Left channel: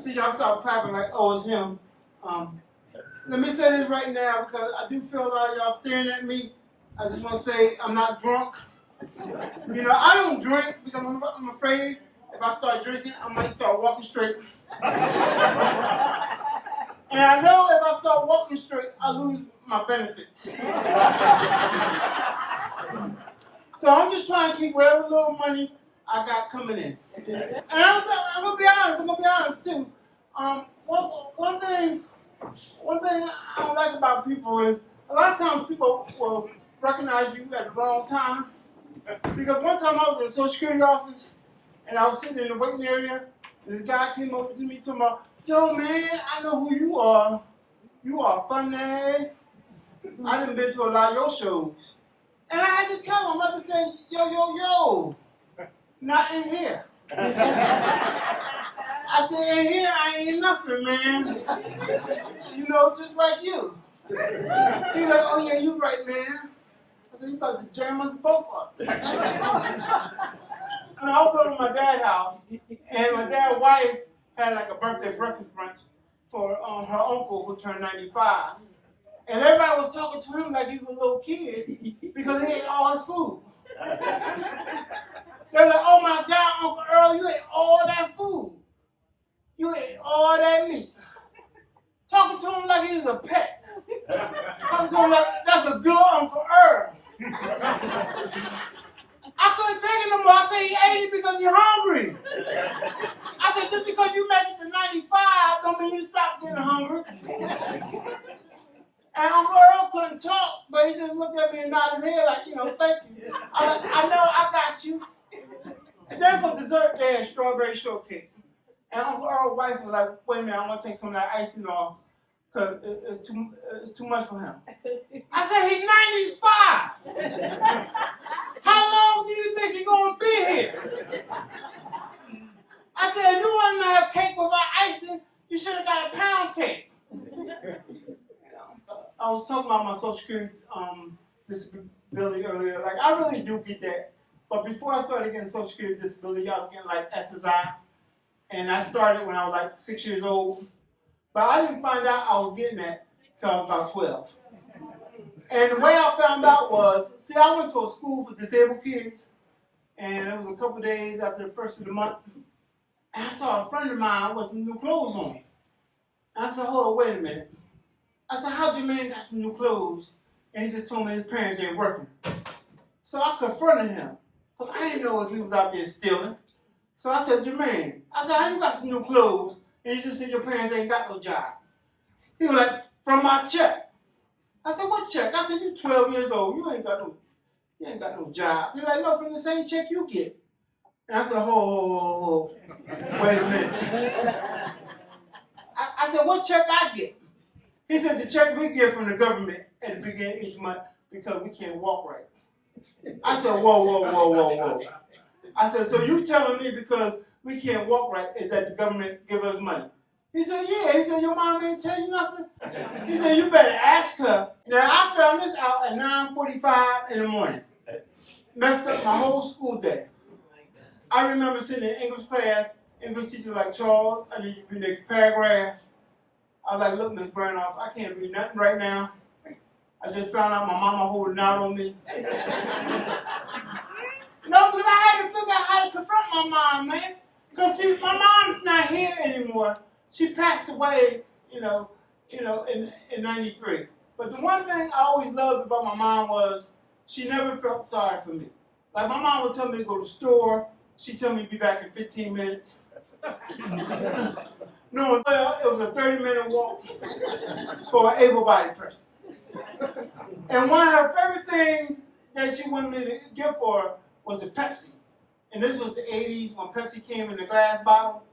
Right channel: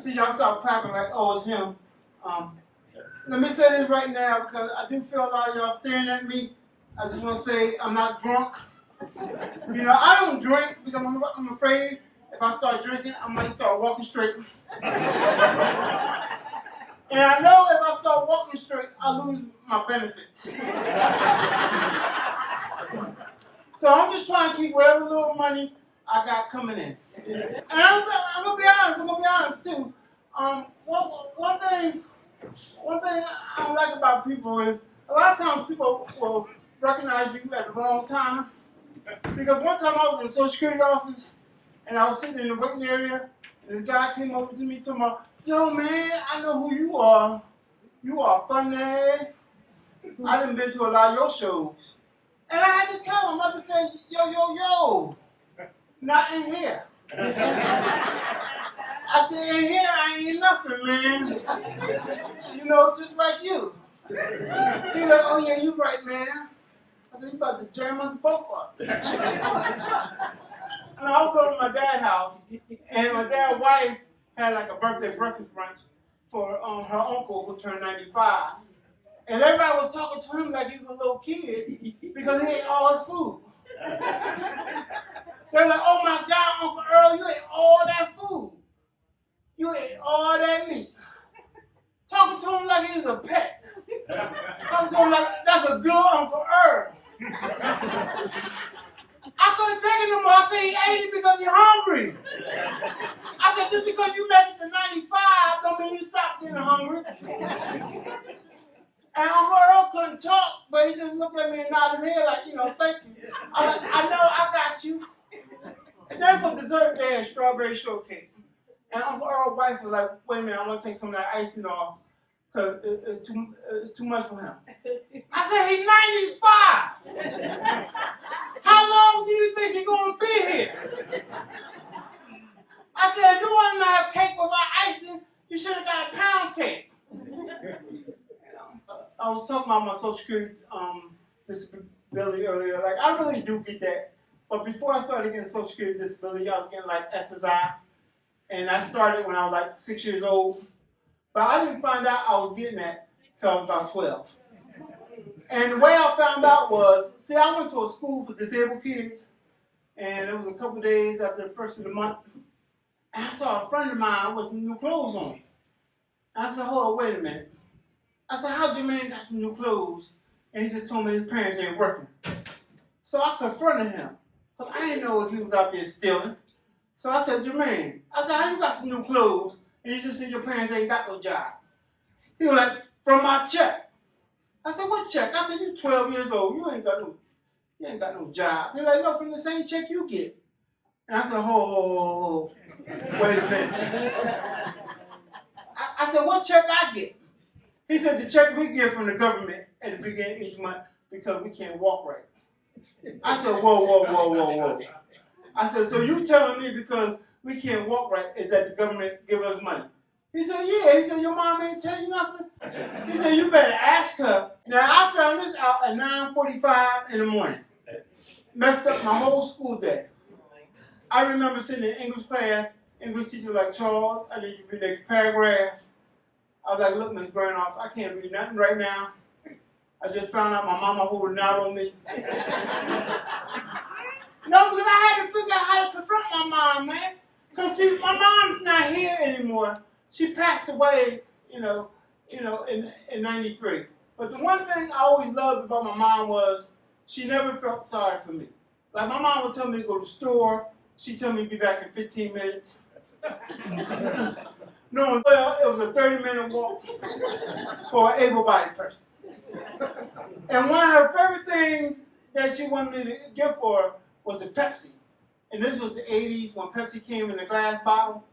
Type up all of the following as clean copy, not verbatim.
See, y'all start clapping like, oh, it's him. Let me say this right now because I do feel a lot of y'all staring at me. I just want to say I'm not drunk. You know, I don't drink because I'm afraid if I start drinking, I might start walking straight. And I know if I start walking straight, I'll lose my benefits. So I'm just trying to keep whatever little money I got coming in. And I'm gonna be honest too. One thing I don't like about people is a lot of times people will recognize you at the wrong time. Because one time I was in the Social Security office and I was sitting in the waiting area. And this guy came over to me talking about, yo man, I know who you are. You are funny. I done been to a lot of your shows. And I had to tell him, I had to say, yo, not in here. I said, in here I ain't nothing, man. You know, just like you. He was like, oh yeah, you right, man. I said, you about to jam us both up. And I was over to my dad's house, and my dad's wife had like a birthday breakfast brunch for her uncle who turned 95. And everybody was talking to him like he was a little kid because he ate all his food. They were like, oh my God, Uncle Earl, you ate all that food. You ate all that meat. Talking to him like he was a pet. Talking to him like, that's a good Uncle Earl. I couldn't take it no more. I said, he ate it because you're hungry. I said, just because you make it to 95 don't mean you stop getting hungry. And Uncle Earl couldn't talk, but he just looked at me and nodded his head like, you know, thank you. I know, I got you. And then for dessert, they had strawberry shortcake. And Uncle Earl's wife was like, wait a minute, I want to take some of that icing off because it's too much for him. I said, he's 95. How long do you think he's going to be here? I said, if you want to have cake without icing, you should have got a pound cake. I was talking about my Social Security disability earlier. Like, I really do get that. But before I started getting Social Security disability, I was getting like SSI. And I started when I was like 6 years old. But I didn't find out I was getting that until I was about 12. And the way I found out was, see, I went to a school for disabled kids. And it was a couple of days after the first of the month. And I saw a friend of mine with some new clothes on. And I said, hold on, wait a minute. I said, how Jermaine got some new clothes? And he just told me his parents ain't working. So I confronted him. Because I didn't know if he was out there stealing. So I said, Jermaine, I said, how you got some new clothes? And you just said your parents ain't got no job. He was like, from my check. I said, what check? I said, you 12 years old. You ain't got no job. He's like, no, from the same check you get. And I said, ho, wait a minute. I said, what check I get? He said, the check we get from the government at the beginning of each month because we can't walk right. I said, whoa. I said, so you telling me because we can't walk right is that the government give us money? He said, yeah. He said, your mom ain't tell you nothing? He said, you better ask her. Now, I found this out at 9:45 in the morning. Messed up my whole school day. I remember sitting in English class, English teacher like, Charles, I need you to read the next paragraph. I was like, look, Miss Burnoff, I can't read nothing right now. I just found out my mama holding out on me. No, because I had to figure out how to confront my mom, man. Because see, my mom's not here anymore. She passed away, in 93. But the one thing I always loved about my mom was she never felt sorry for me. Like my mom would tell me to go to the store. She'd tell me to be back in 15 minutes. No, well, it was a 30-minute walk for an able-bodied person. And one of her favorite things that she wanted me to give for her was the Pepsi. And this was the 80s when Pepsi came in a glass bottle.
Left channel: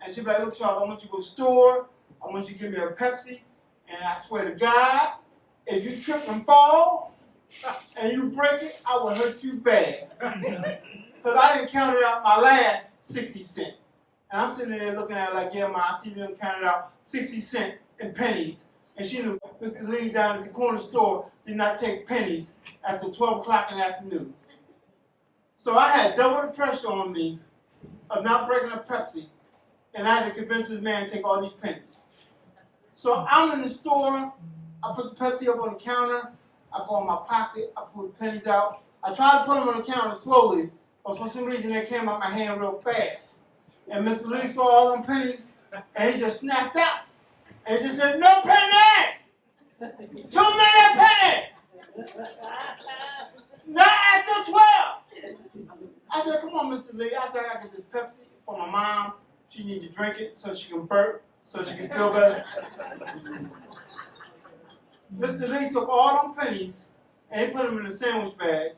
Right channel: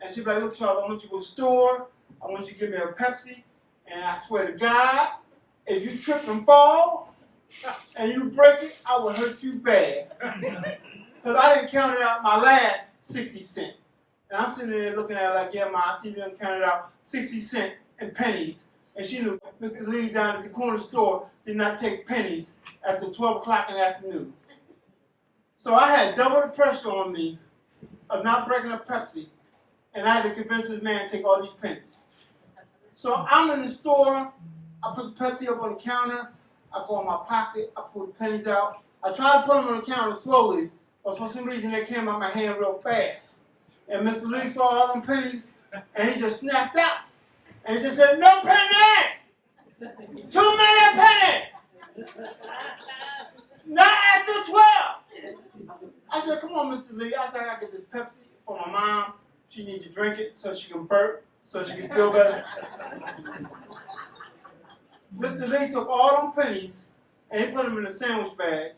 And she'd be like, look, Charles, I want you to go to the store. I want you to give me a Pepsi. And I swear to God, if you trip and fall and you break it, I will hurt you bad. Because I didn't count it out my last 60 cents. And I'm sitting there looking at her like, yeah, Ma, I see you done counted out 60 cents in pennies. And she knew Mr. Lee down at the corner store did not take pennies after 12 o'clock in the afternoon. So I had double the pressure on me of not breaking a Pepsi and I had to convince this man to take all these pennies. So I'm in the store, I put the Pepsi up on the counter, I go in my pocket, I pull the pennies out. I tried to put them on the counter slowly, but for some reason they came out my hand real fast. And Mr. Lee saw all them pennies, and he just snapped out. And he just said, "No penny! Too many pennies! Not after 12! I said, "Come on, Mr. Lee." I said, "I got this Pepsi for my mom. She needs to drink it so she can burp, so she can feel better." Mr. Lee took all them pennies, and he put them in a sandwich bag,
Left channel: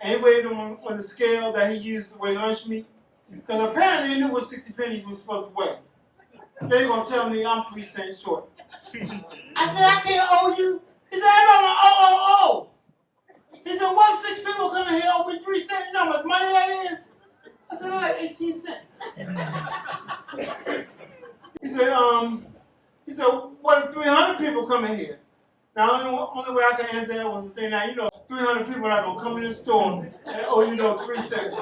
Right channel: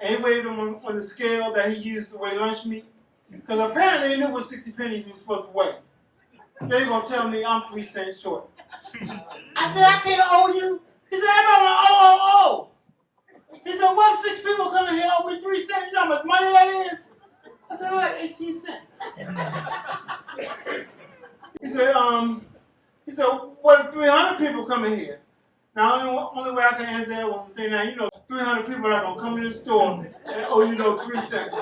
and he weighed them on the scale that he used to weigh lunch meat. Because apparently he knew what 60 pennies was supposed to weigh. They're going to tell me I'm 3 cents short. I said, "I can't owe you." He said, "I know, oh. He said, "What if 6 people come in here owe me 3 cents? You know how much money that is?" I said, "Like 18 cents. He said, "What if 300 people come in here?" Now, the only way I can answer that was to say, "Now, 300 people are going to come in the store and owe you 3 cents.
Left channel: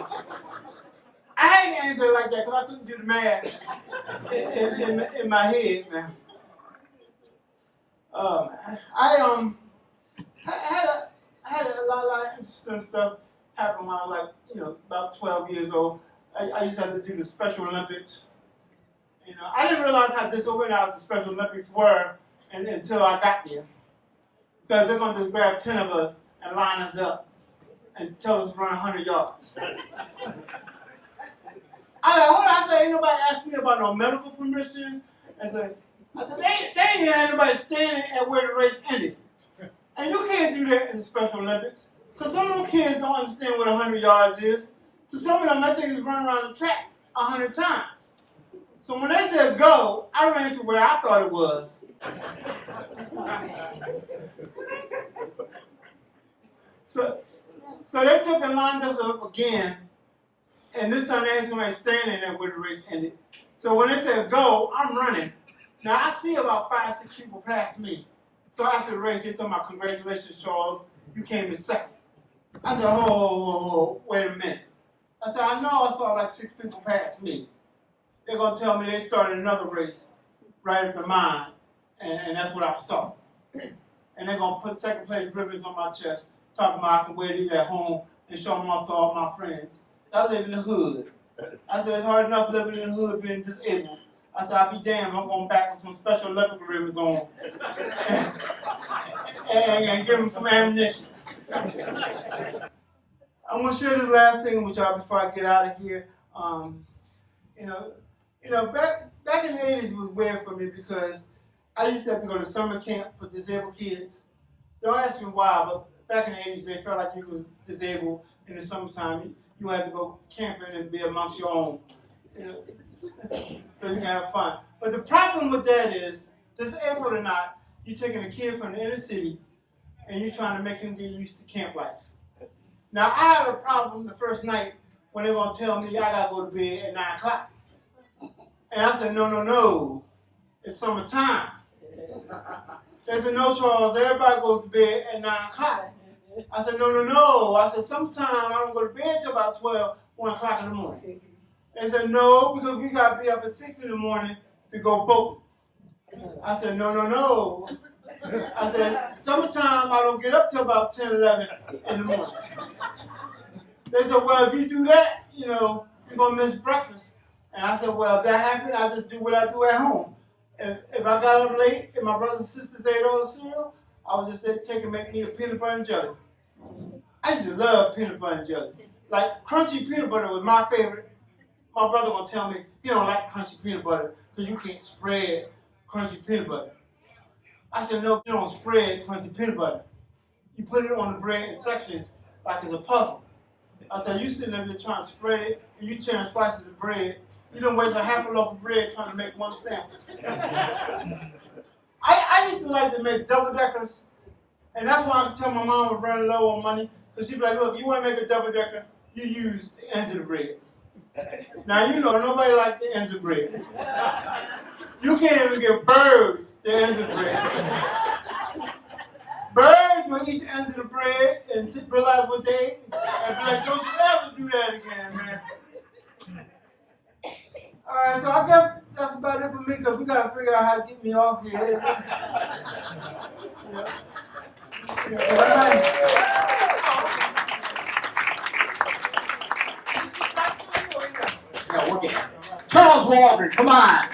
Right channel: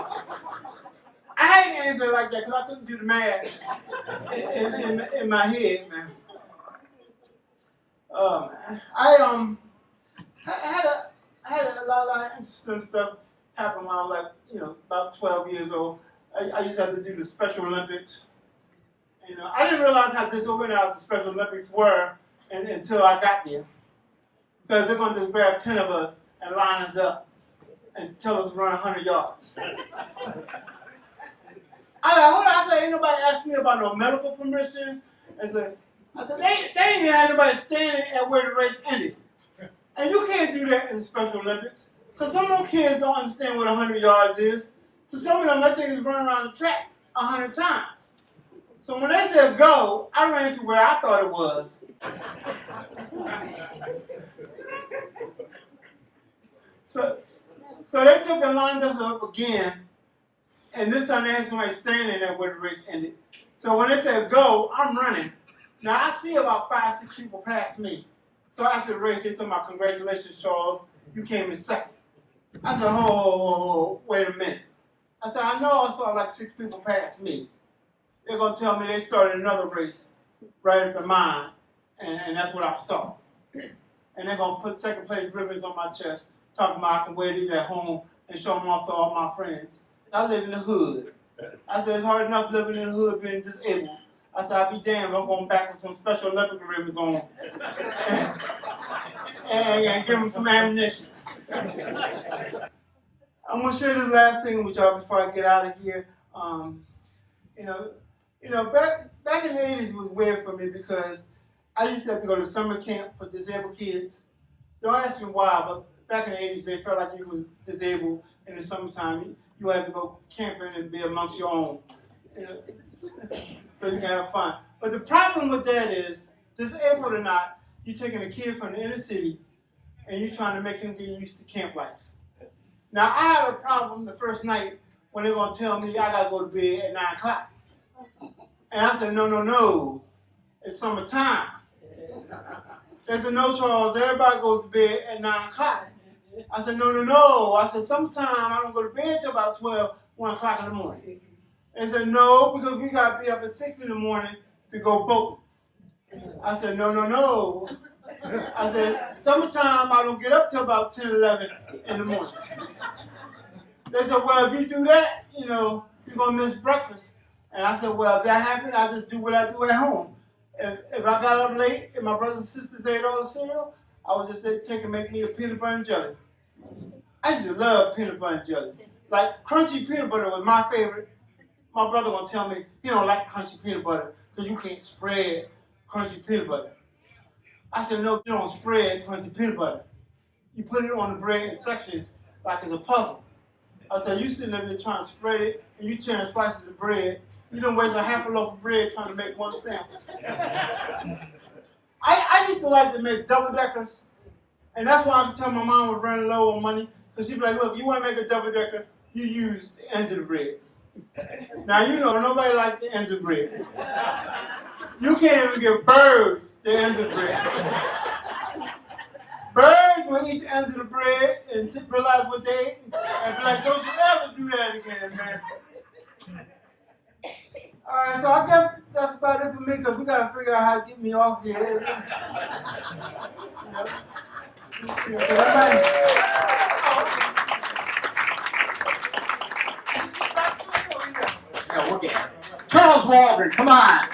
I ain't answer it like that because I couldn't do the math in my head, man. I had a lot of interesting stuff happen when I was about 12 years old. I used to have to do the Special Olympics. I didn't realize how disorganized the Special Olympics were until I got there. Because they're going to just grab 10 of us and line us up and tell us to run 100 yards. I said, "Ain't nobody asked me about no medical permission." I said, they ain't had anybody standing at where the race ended. And you can't do that in the Special Olympics. Because some of them kids don't understand what 100 yards is. So some of them, I think, is running around the track 100 times. So when they said go, I ran to where I thought it was. So they took and lined us up again. And this time they had somebody standing there where the race ended. So when they said go, I'm running. Now I see about 5, 6 people pass me. So after the race, they told me, "Congratulations, Charles, you came in second." I said, "Whoa, wait a minute." I said, "I know I saw like 6 people pass me. They're going to tell me they started another race right after mine, and that's what I saw. And they're going to put second place ribbons on my chest, talking about I can wear these at home and show them off to all my friends. I live in the hood." I said, "It's hard enough living in the hood being disabled." I said, "I'll be damned if I'm going back with some Special Olympic ribbons on and give them some ammunition." I'm going to share this last thing with y'all before I get out of here. Back in the 80s was weird for me because I used to have to go to summer camp for disabled kids. Don't ask me why, but back in the 80s, they felt like you was disabled in the summertime. You had to go camping and be amongst your own, so you can have fun. But the problem with that is, disabled or not, you're taking a kid from the inner city and you're trying to make him get used to camp life. Now, I had a problem the first night when they're going to tell me I got to go to bed at 9 o'clock. And I said, no, it's summertime. They said, "No, Charles, everybody goes to bed at 9 o'clock. I said, no. I said, "Sometime I don't go to bed till about 12, 1 o'clock in the morning." They said, "No, because we got to be up at 6 in the morning to go boating." I said, no. I said, "Summertime I don't get up till about 10, 11 in the morning." They said, "Well, if you do that, you're going to miss breakfast." And I said, "Well, if that happened, I just do what I do at home. If I got up late and my brothers and sisters ate all the cereal, I would just take and make me a peanut butter and jelly." I used to love peanut butter and jelly. Like crunchy peanut butter was my favorite. My brother gonna tell me he don't like crunchy peanut butter because you can't spread crunchy peanut butter. I said, "No, you don't spread crunchy peanut butter. You put it on the bread in sections like it's a puzzle." I said, "You sitting there trying to spread it, and you tearing slices of bread. You don't waste a half a loaf of bread trying to make one sandwich." I used to like to make double-deckers, and that's why I could tell my mom was running low on money, because she'd be like, "Look, you want to make a double-decker, you use the ends of the bread." Now, nobody likes the ends of bread. You can't even give birds the ends of bread. Birds will eat the ends of the bread and realize what they ate and be like, "Don't you ever do that again, man." All right, so I guess that's about it for me because we got to figure out how to get me off here. No, we're getting Charles Walden, come on.